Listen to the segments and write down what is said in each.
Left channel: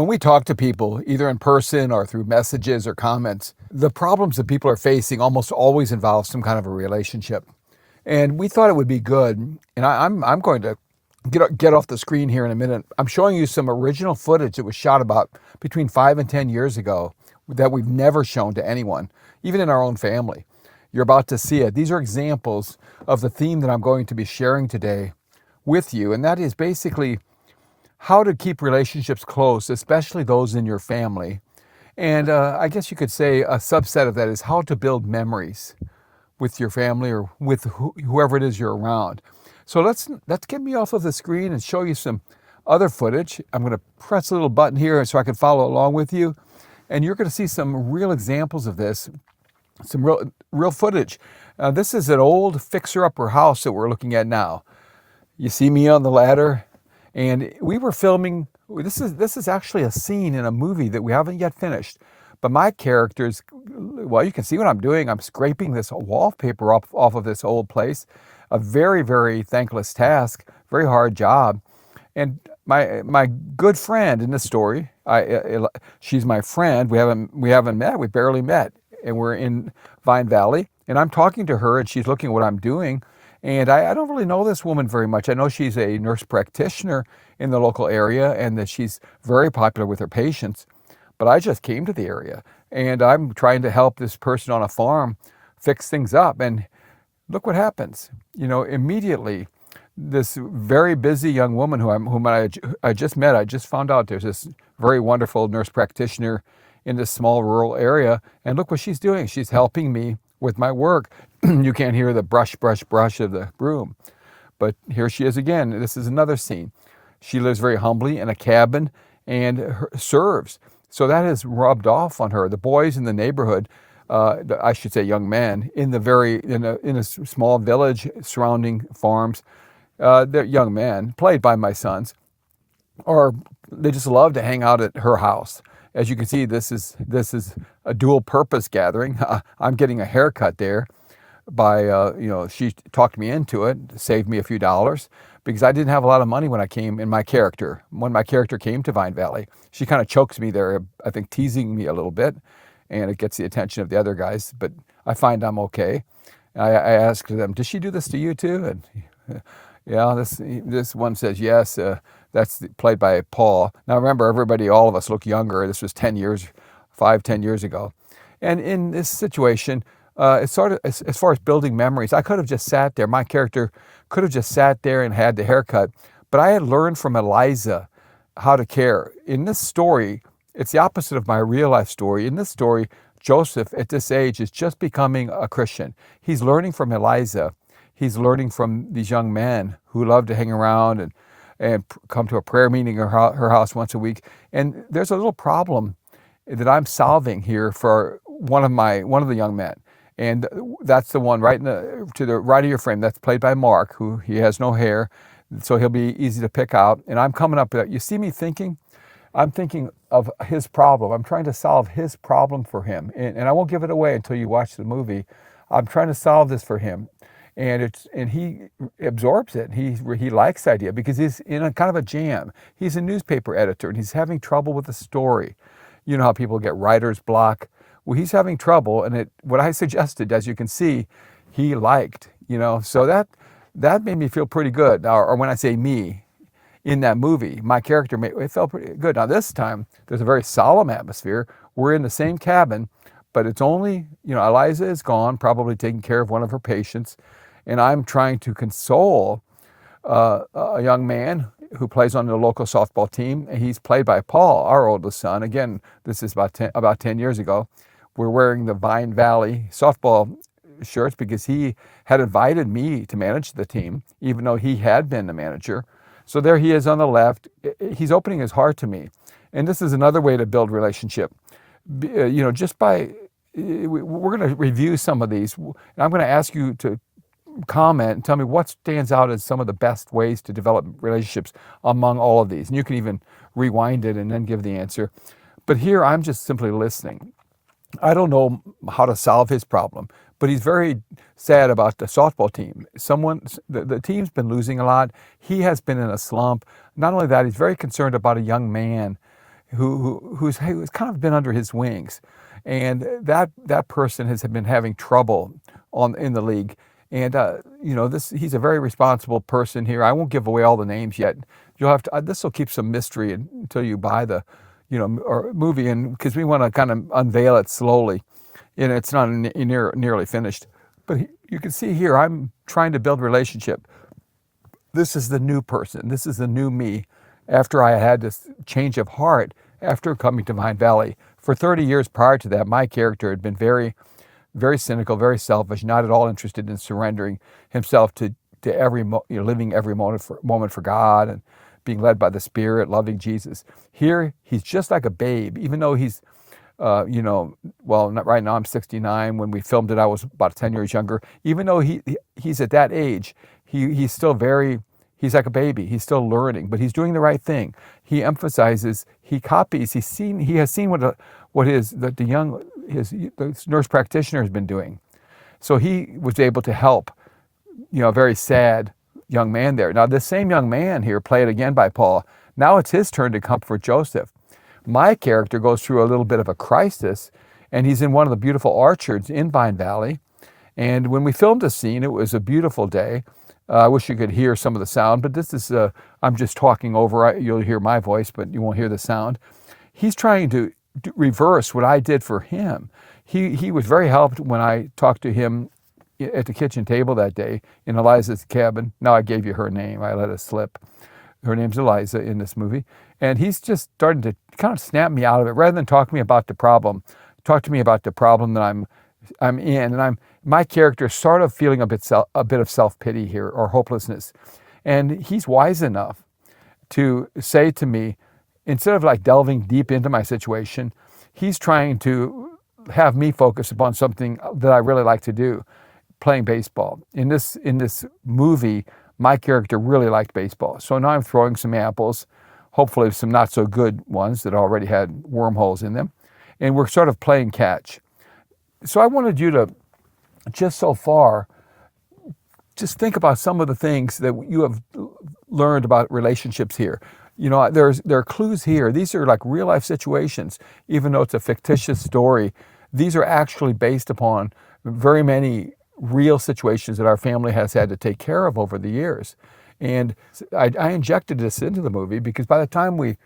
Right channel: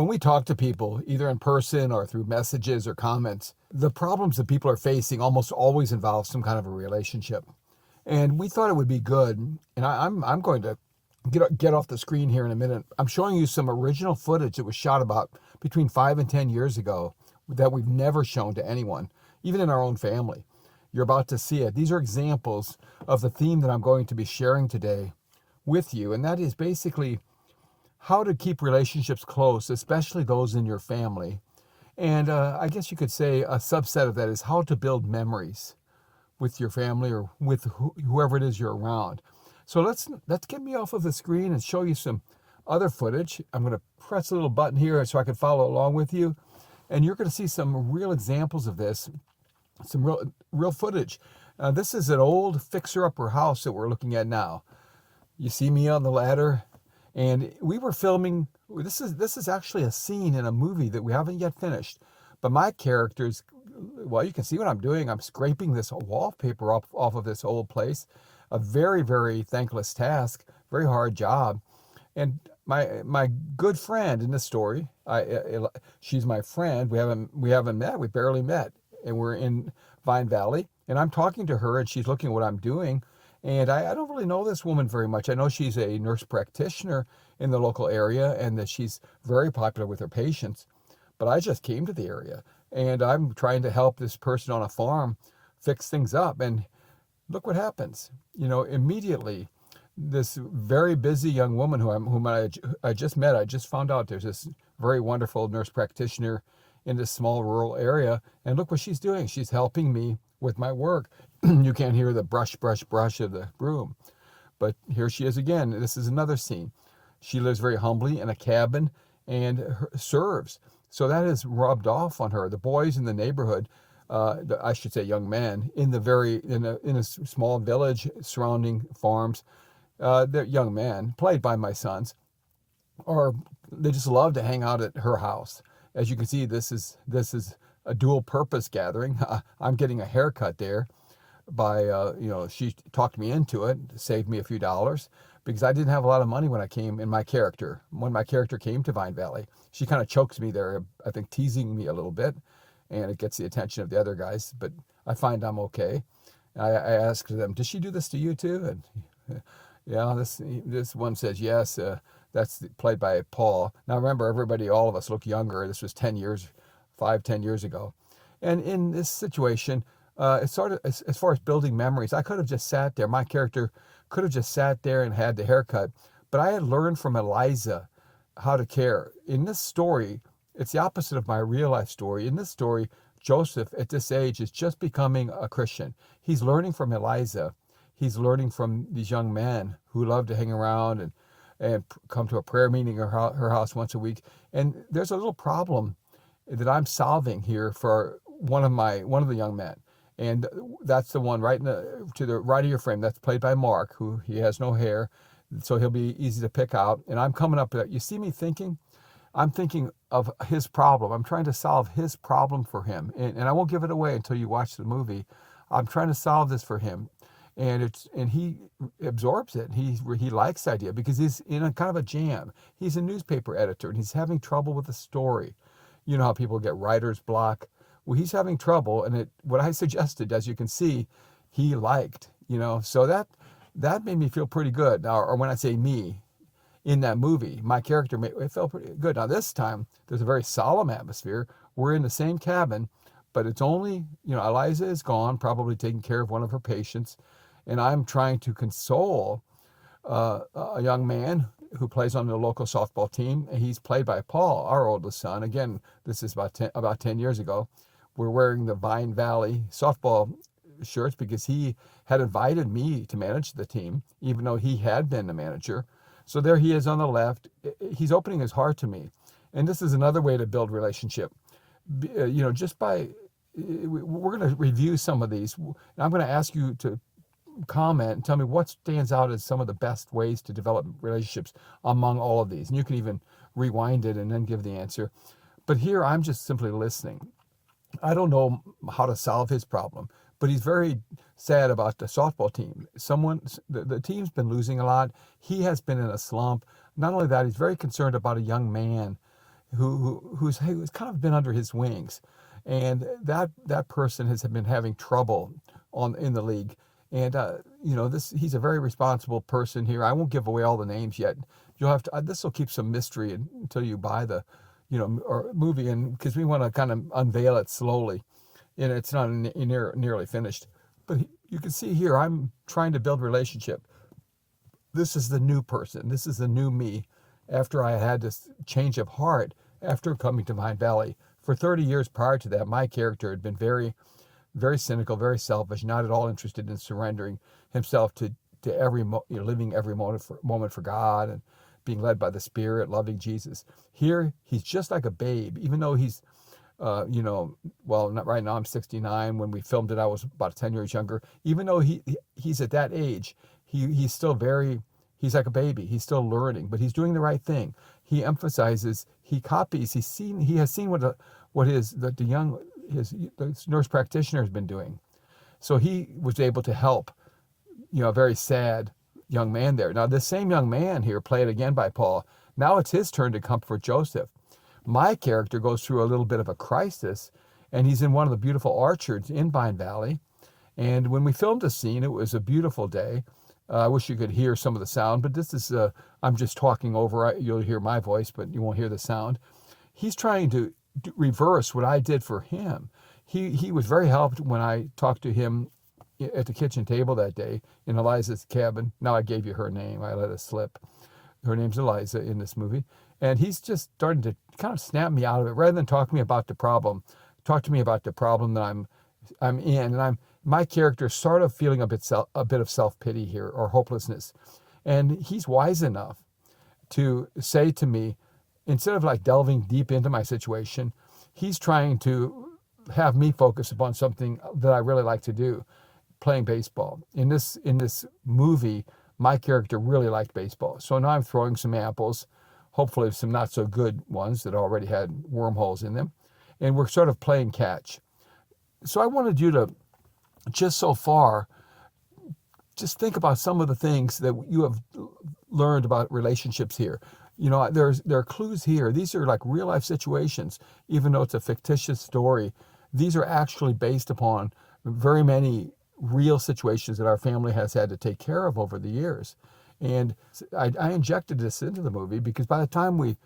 When we talk to people, either in person or through messages or comments, the problems that people are facing almost always involve some kind of a relationship. And we thought it would be good, and I'm going to get off the screen here in a minute. I'm showing you some original footage that was shot about between 5 and 10 years ago that we've never shown to anyone, even in our own family. You're about to see it. These are examples of the theme that I'm going to be sharing today with you, and that is basically how to keep relationships close, especially those in your family. And I guess you could say a subset of that is how to build memories with your family or with whoever it is you're around. So let's get me off of the screen and show you some other footage. I'm going to press a little button here so I can follow along with you. And you're going to see some real examples of this, some real footage. This is an old fixer-upper house that we're looking at now. You see me on the ladder, and we were filming. This is actually a scene in a movie that we haven't yet finished. But my characters, well, you can see what I'm doing. I'm scraping this wallpaper off of this old place. A very, very thankless task, very hard job. And my good friend in this story, she's my friend. We haven't met. We barely met, and we're in Vine Valley. And I'm talking to her, and she's looking at what I'm doing. And I don't really know this woman very much. I know she's a nurse practitioner in the local area, and that she's very popular with her patients. But I just came to the area, and I'm trying to help this person on a farm fix things up. And look what happens. Immediately, this very busy young woman whom I just met, I just found out there's this very wonderful nurse practitioner in this small rural area, and look what she's doing. She's helping me with my work. You can't hear the brush of the broom, but here she is again. This is another scene. She lives very humbly in a cabin and serves. So that has rubbed off on her. The boys in the neighborhood, I should say young men, in a small village surrounding farms, they're young men, played by my sons, or they just love to hang out at her house. As you can see, this is a dual purpose gathering. I'm getting a haircut there by, she talked me into it, saved me a few dollars, because I didn't have a lot of money when my character came to Vine Valley. She kind of chokes me there, I think teasing me a little bit, and it gets the attention of the other guys, but I find I'm okay. I asked them, does she do this to you too? And yeah, this one says yes. That's played by Paul. Now remember, all of us look younger. This was 10 years ago. And in this situation, it's sort of, as far as building memories, I could have just sat there. My character could have just sat there and had the haircut. But I had learned from Eliza how to care. In this story, it's the opposite of my real life story. In this story, Joseph, at this age, is just becoming a Christian. He's learning from Eliza. He's learning from these young men who love to hang around and come to a prayer meeting at her house once a week. And there's a little problem that I'm solving here for one of the young men. And that's the one right to the right of your frame. That's played by Mark, who he has no hair, so he'll be easy to pick out. And I'm coming up, you see me thinking? I'm thinking of his problem. I'm trying to solve his problem for him. And I won't give it away until you watch the movie. I'm trying to solve this for him. And he absorbs it. He likes the idea because he's in a kind of a jam. He's a newspaper editor, and he's having trouble with the story. You know how people get writer's block? Well, he's having trouble, and what I suggested, as you can see, he liked. So that made me feel pretty good. Or when I say me, in that movie, my character it felt pretty good. Now this time, there's a very solemn atmosphere. We're in the same cabin, but it's only, Eliza is gone, probably taking care of one of her patients, and I'm trying to console a young man who plays on the local softball team, and he's played by Paul, our oldest son. Again, this is about 10 years ago. We're wearing the Vine Valley softball shirts because he had invited me to manage the team, even though he had been the manager. So there he is on the left. He's opening his heart to me. And this is another way to build relationship. Just by, we're going to review some of these. And I'm going to ask you to comment and tell me what stands out as some of the best ways to develop relationships among all of these. And you can even rewind it and then give the answer. But here I'm just simply listening. I don't know how to solve his problem, but he's very sad about the softball team. The team's been losing a lot. He has been in a slump. Not only that, he's very concerned about a young man who's kind of been under his wings, and that person has been having trouble in the league. And he's a very responsible person here. I won't give away all the names yet. You'll have to. This will keep some mystery until you buy the, or movie, and because we want to kind of unveil it slowly, and it's not nearly finished. But you can see here, I'm trying to build relationship. This is the new person. This is the new me after I had this change of heart after coming to Vine Valley. For 30 years prior to that, my character had been very, very cynical, very selfish, not at all interested in surrendering himself to living every moment for God and being led by the Spirit, loving Jesus. Here, he's just like a babe, even though he's, right now I'm 69. When we filmed it, I was about 10 years younger. Even though he's at that age, he's still he's like a baby. He's still learning, but he's doing the right thing. He emphasizes, he copies, he has seen what his nurse practitioner has been doing. So he was able to help, a very sad young man there. Now, this same young man here, played again by Paul, now it's his turn to comfort Joseph. My character goes through a little bit of a crisis, and he's in one of the beautiful orchards in Vine Valley. And when we filmed a scene, it was a beautiful day. I wish you could hear some of the sound, but this is, I'm just talking over. You'll hear my voice, but you won't hear the sound. He's trying to reverse what I did for him. He was very helped when I talked to him at the kitchen table that day in Eliza's cabin. Now I gave you her name. I let it slip. Her name's Eliza in this movie. And he's just starting to kind of snap me out of it. Rather than talk to me about the problem, talk to me about the problem that I'm in. And my character is sort of feeling a bit of self-pity here, or hopelessness. And he's wise enough to say to me, instead of like delving deep into my situation, he's trying to have me focus upon something that I really like to do, playing baseball. In this movie, my character really liked baseball. So now I'm throwing some apples, hopefully some not so good ones that already had wormholes in them. And we're sort of playing catch. So I wanted you to, just so far, just think about some of the things that you have learned about relationships here. There are clues here. These are like real life situations, even though it's a fictitious story. These are actually based upon very many real situations that our family has had to take care of over the years. And I injected this into the movie because by the time we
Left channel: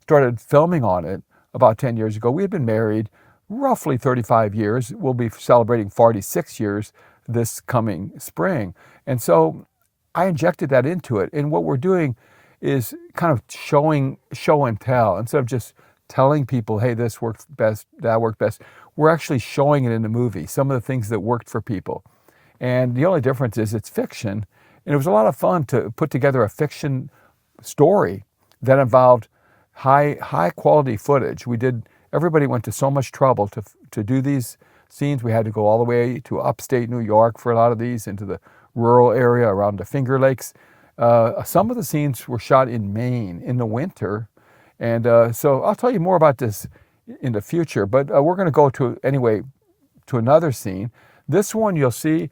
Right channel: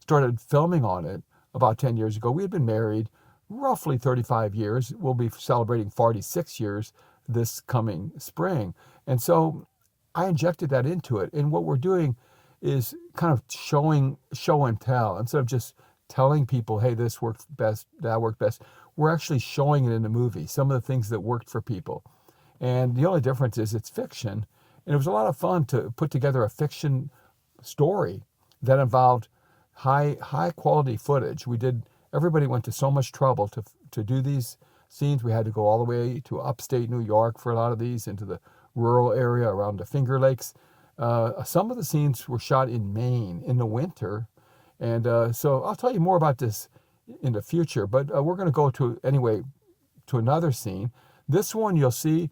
started filming on it about 10 years ago, we had been married roughly 35 years. We'll be celebrating 46 years this coming spring. And so I injected that into it. And what we're doing is kind of show and tell. Instead of just telling people, hey, this worked best, that worked best, we're actually showing it in the movie, some of the things that worked for people. And the only difference is it's fiction. And it was a lot of fun to put together a fiction story that involved high quality footage. Everybody went to so much trouble to do these scenes. We had to go all the way to upstate New York for a lot of these, into the rural area around the Finger Lakes. Some of the scenes were shot in Maine in the winter. And so I'll tell you more about this in the future, but we're going to go to another scene. This one you'll see,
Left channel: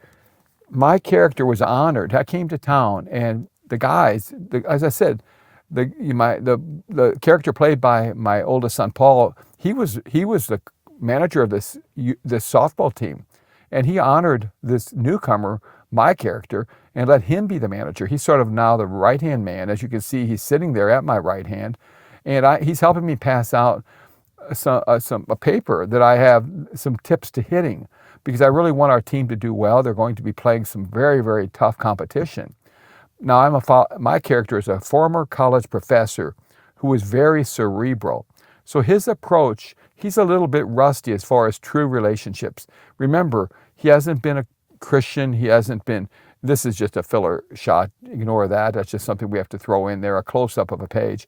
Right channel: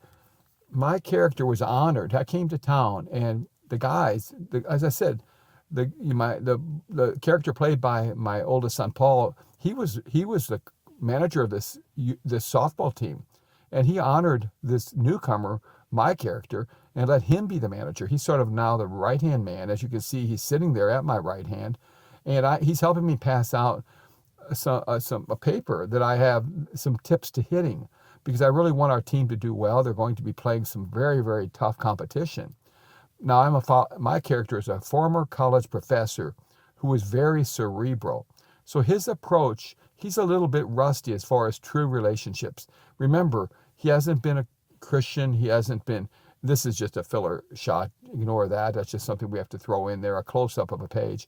my character was honored. I came to town, and the guys, as I said, the character played by my oldest son, Paul, he was the manager of this softball team, and he honored this newcomer, my character, and let him be the manager. He's sort of now the right-hand man. As you can see, he's sitting there at my right hand, and he's helping me pass out a paper that I have some tips to hitting, because I really want our team to do well. They're going to be playing some very, very tough competition. Now, my character is a former college professor who is very cerebral. So his approach, he's a little bit rusty as far as true relationships. Remember, he hasn't been a Christian. This is just a filler shot. Ignore that. That's just something we have to throw in there, a close-up of a page.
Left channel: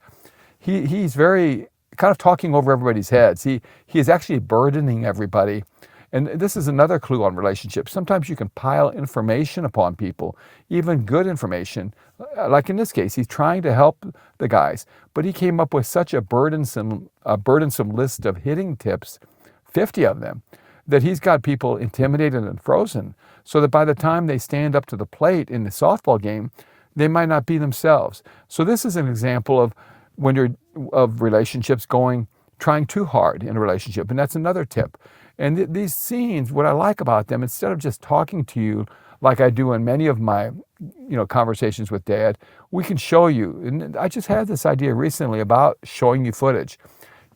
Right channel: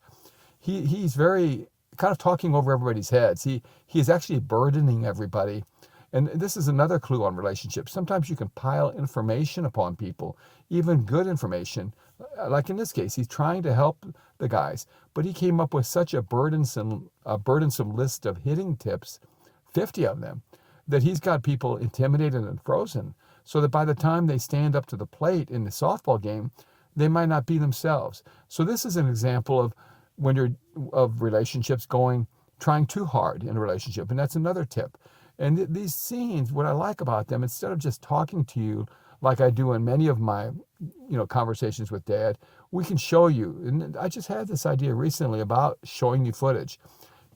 He's very kind of talking over everybody's heads. He is actually burdening everybody. And this is another clue on relationships. Sometimes you can pile information upon people, even good information. Like in this case, he's trying to help the guys, but he came up with such a burdensome list of hitting tips, 50 of them, that he's got people intimidated and frozen, so that by the time they stand up to the plate in the softball game, they might not be themselves. So this is an example of relationships going trying too hard in a relationship. And that's another tip. And these scenes, what I like about them, instead of just talking to you like I do in many of my, conversations with Dad, we can show you. And I just had this idea recently about showing you footage.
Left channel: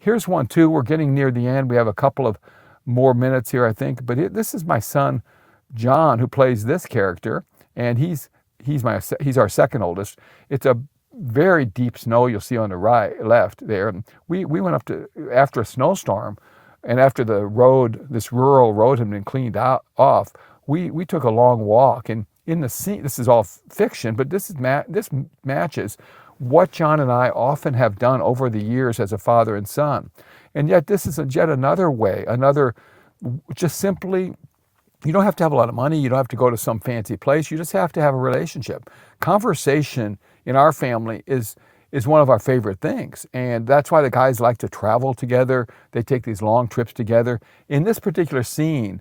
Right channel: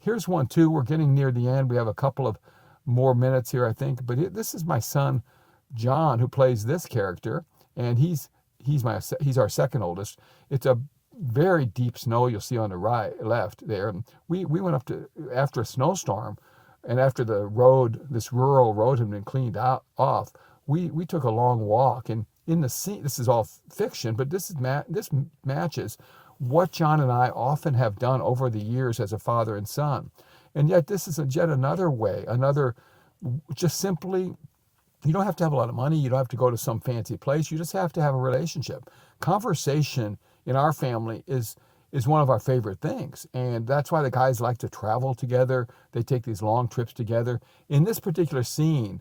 Here's one too. We're getting near the end. We have a couple of more minutes here, I think. But this is my son, John, who plays this character, and he's our second oldest. It's a very deep snow. You'll see on the left there. We went up to after a snowstorm, and after this rural road had been cleaned off. We took a long walk, and in the scene, this is all fiction, but this matches what John and I often have done over the years as a father and son. And yet this is yet another way, just simply, you don't have to have a lot of money. You don't have to go to some fancy place. You just have to have a relationship. Conversation in our family is one of our favorite things. And that's why the guys like to travel together. They take these long trips together. In this particular scene,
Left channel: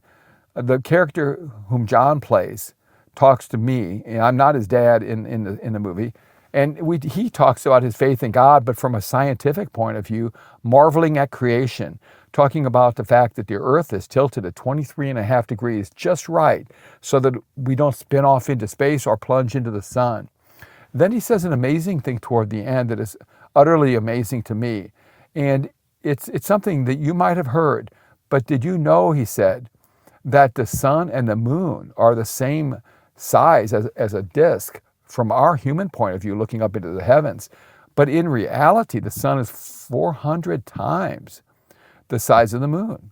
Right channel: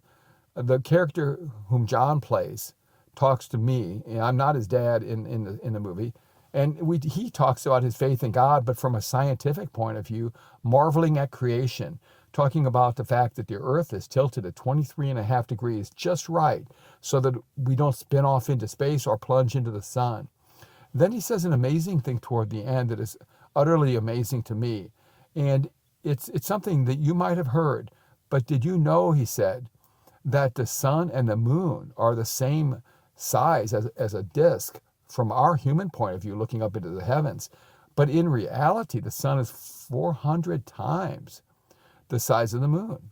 the character whom John plays talks to me, and I'm not his dad in the movie, and he talks about his faith in God, but from a scientific point of view, marveling at creation, talking about the fact that the earth is tilted at 23.5 degrees, just right, so that we don't spin off into space or plunge into the sun. Then he says an amazing thing toward the end that is utterly amazing to me, and it's something that you might have heard, but did you know, he said, that the sun and the moon are the same size as a disk from our human point of view looking up into the heavens. But in reality, the sun is 400 times the size of the moon.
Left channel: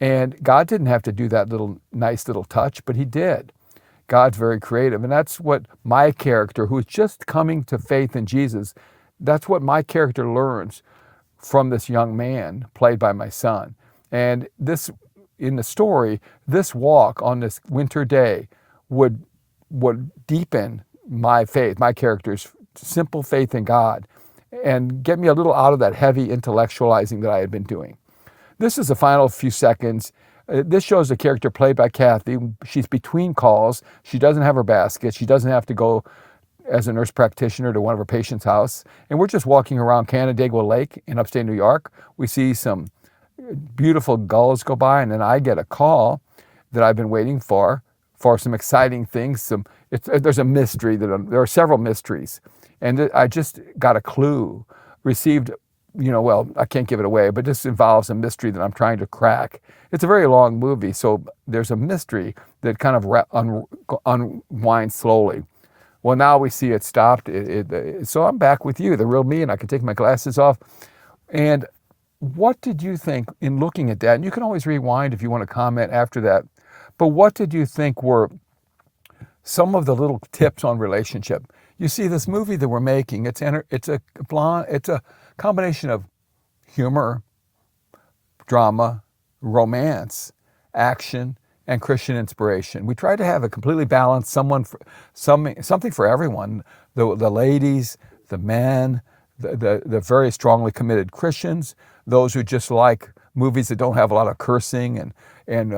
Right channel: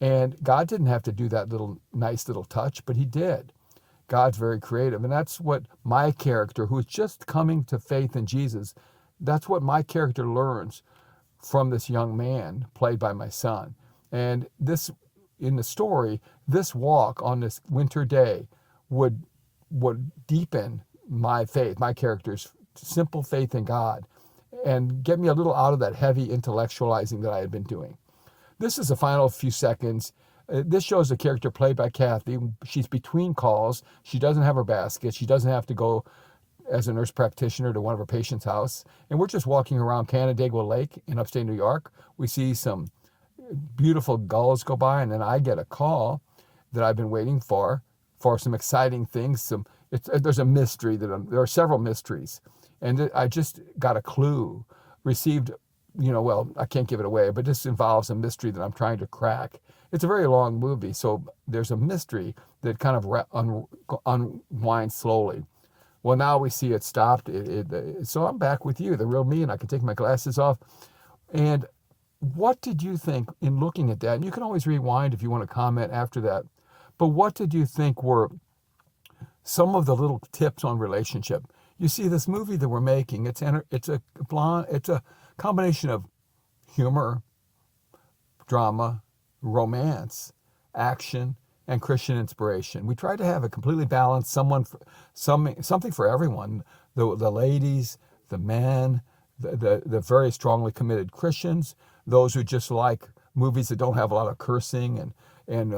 And God didn't have to do that nice little touch, but he did. God's very creative. And that's what my character, who's just coming to faith in Jesus, that's what my character learns from this young man played by my son. And in the story, this walk on this winter day would deepen my faith, my character's simple faith in God, and get me a little out of that heavy intellectualizing that I had been doing. This is the final few seconds. This shows a character played by Kathy. She's between calls. She doesn't have her basket. She doesn't have to go as a nurse practitioner to one of her patients' house. And we're just walking around Canandaigua Lake in upstate New York. We see some beautiful gulls go by, and then I get a call that I've been waiting for some exciting things. There's a mystery there are several mysteries, and I just got a clue, received, I can't give it away, but this involves a mystery that I'm trying to crack. It's a very long movie, so there's a mystery that kind of unwinds slowly. Well, now we see it stopped. So I'm back with you, the real me, and I can take my glasses off. And what did you think in looking at that? And you can always rewind if you want to comment after that. But what did you think were some of the little tips on relationship? You see, this movie that we're making, it's a combination of humor, drama, romance, action, and Christian inspiration. We try to have a completely balanced something for everyone. The ladies, the men, the very strongly committed Christians, those who just like movies that don't have a lot of cursing and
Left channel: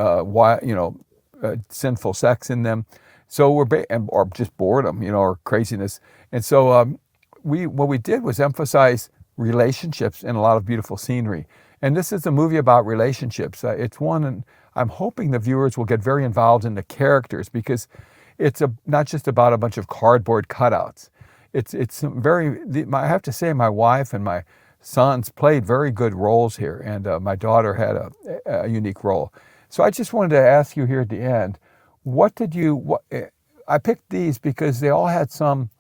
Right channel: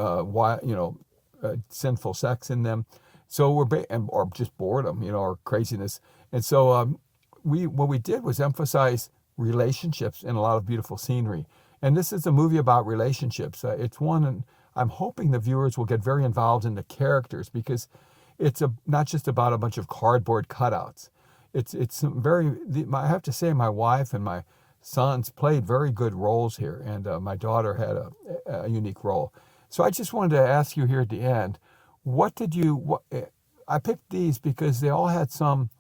sinful sex in them. So or just boredom, or craziness. And so what we did was emphasize relationships and a lot of beautiful scenery. And this is a movie about relationships. It's one, and I'm hoping the viewers will get very involved in the characters, because it's not just about a bunch of cardboard cutouts. I have to say, my wife and my sons played very good roles here, and my daughter had a unique role. So I just wanted to ask you here at the end, I picked these because they all had some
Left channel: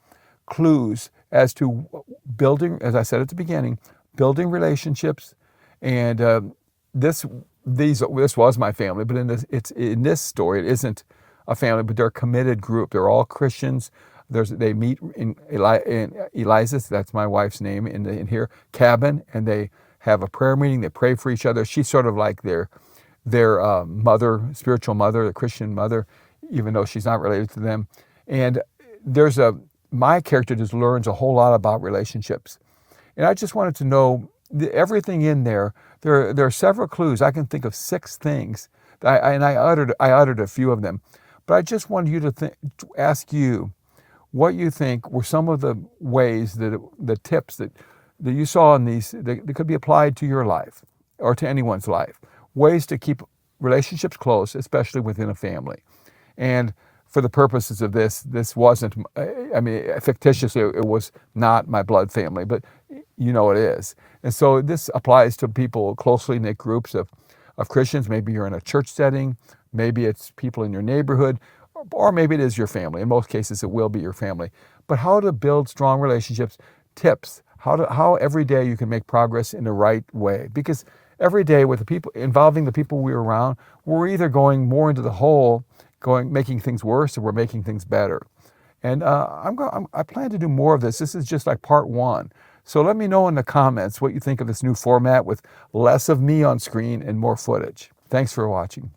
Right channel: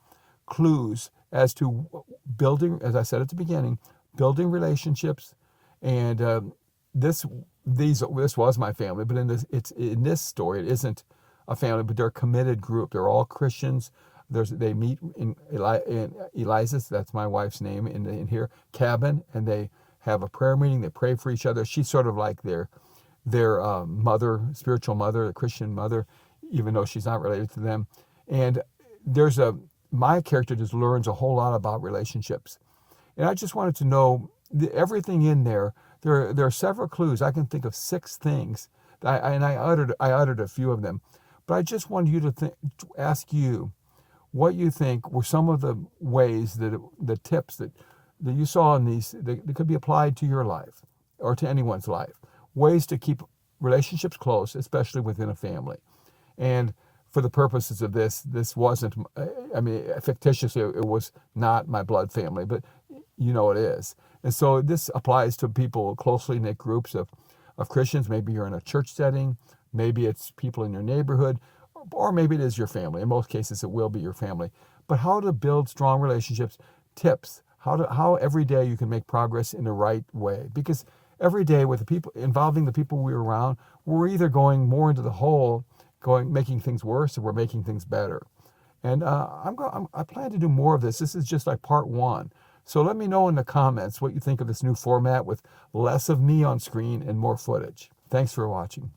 clues as to building, as I said at the beginning, building relationships. And this was my family, but in this story, it isn't a family, but they're a committed group. They're all Christians. They meet in Eliza's, that's my wife's name, in here, cabin, and they have a prayer meeting. They pray for each other. She's sort of like their mother, spiritual mother, the Christian mother, even though she's not related to them. And my character just learns a whole lot about relationships. And I just wanted to know everything in there. There are several clues. I can think of 6 things, and I uttered a few of them. But I just wanted you to ask you what you think were some of the ways the tips that that you saw in these that could be applied to your life or to anyone's life. Ways to keep relationships close, especially within a family. And for the purposes of this wasn't, I mean, fictitiously, it was not my blood family, but you know it is. And so this applies to people, closely knit groups of Christians. Maybe you're in a church setting, maybe it's people in your neighborhood, or maybe it is your family. In most cases, it will be your family. But how to build strong relationships, tips, how every day you can make progress in the right way. Because every day with the people, involving the people we're around, we're either going more into the hole, making things worse, or we're making things better. And I plan to do more of this. This is just like part one. So let me know in the comments what you think of this new format with less of me on screen and more footage. Thanks for watching.